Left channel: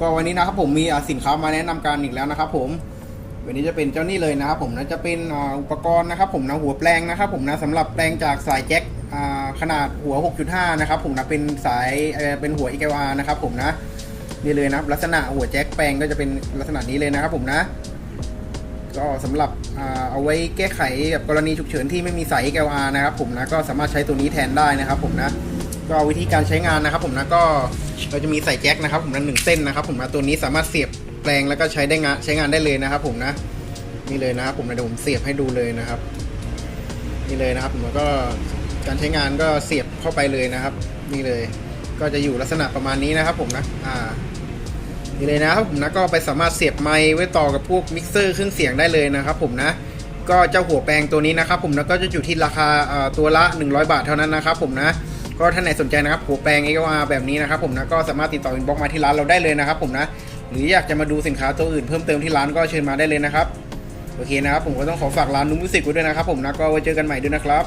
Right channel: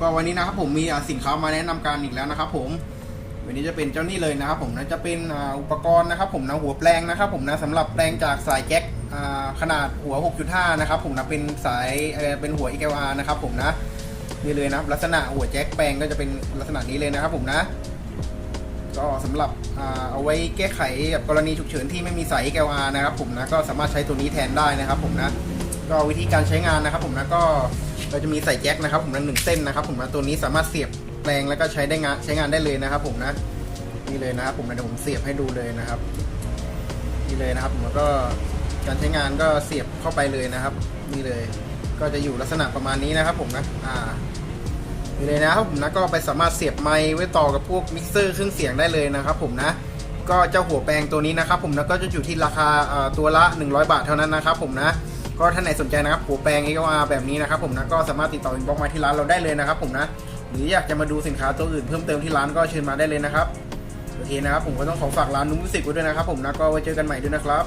ก็วันนี้นะครับผมมีสินค้ามาแนะนำการอีกแล้วนะครับ ผมวันนี้จะเป็นเจ้านี่เลยนะครับผมนะจะเป็นอุปกรณ์นะครับ ผมนะหัวแปลงนะครับ ผมนะสำหรับแปลงจากสายแจ็คขนาดหัว 6.5 นะครับ ผมนะเป็นสายเเป็นหัว EQR นะครับ ผมนะนี่เลยนะครับลักษณะหัวแจ็คแปลงก็จะเป็นลักษณะนี้เลยนะครับ ผมนะ ก็สำหรับเอาไว้แก้ไขกับกรณีฉุกเฉินที่ไม่มีสาย XLR นะครับผมนะก็สามารถใช้ตัวนี้แทนได้นะครับผมนะก็วิธีการใช้งานนะครับผมนะก็เราจะมีสายแจ็คนะครับผมนะหนึ่งเส้นนะครับผมนะตัวนี้สามารถเสียบแปลงแล้วก็ใช้ได้งานใช้งานได้เลยนะครับผมนะนี่เลยนะครับผมนะเดี๋ยวผมเสียบให้ดูเลยนะครับนี่เลยนะครับผมก็การใช้งานก็เสียบเข้าไปเลยนะครับ นี่เลย ก็จะอยู่ลักษณะประมาณนี้นะครับผมนะอ่า นี่เลยนะครับผมนะก็ไปสามารถเสียบไมค์ไว้ต่อกับพวกมิกเซอร์เครื่องเสียงได้เลยนะครับผมนะก็เจ้าหัวแปลงตัวนี้นะครับผมนะก็จะอยู่ที่ราคาตัวละ 100 บาทเท่านั้นนะครับผมนะก็ท่านไหนสนใจนะครับหัวแปลง XLR แบบนี้นะครับผมนะก็สามารถติดต่ออินบ็อกมาที่ร้านเราได้เลยนะครับผมนะหรืออยากจะมาดูสินค้าตัวอื่นเพิ่มเติมที่ร้านก็เชิญมาได้เลยนะครับโอเคนะครับผมก็ต้องขอฝากร้านนุ่มมิวสิกไว้ด้วยนะครับผมนะก็ไว้เจอกันใหม่ด้วยนะครับ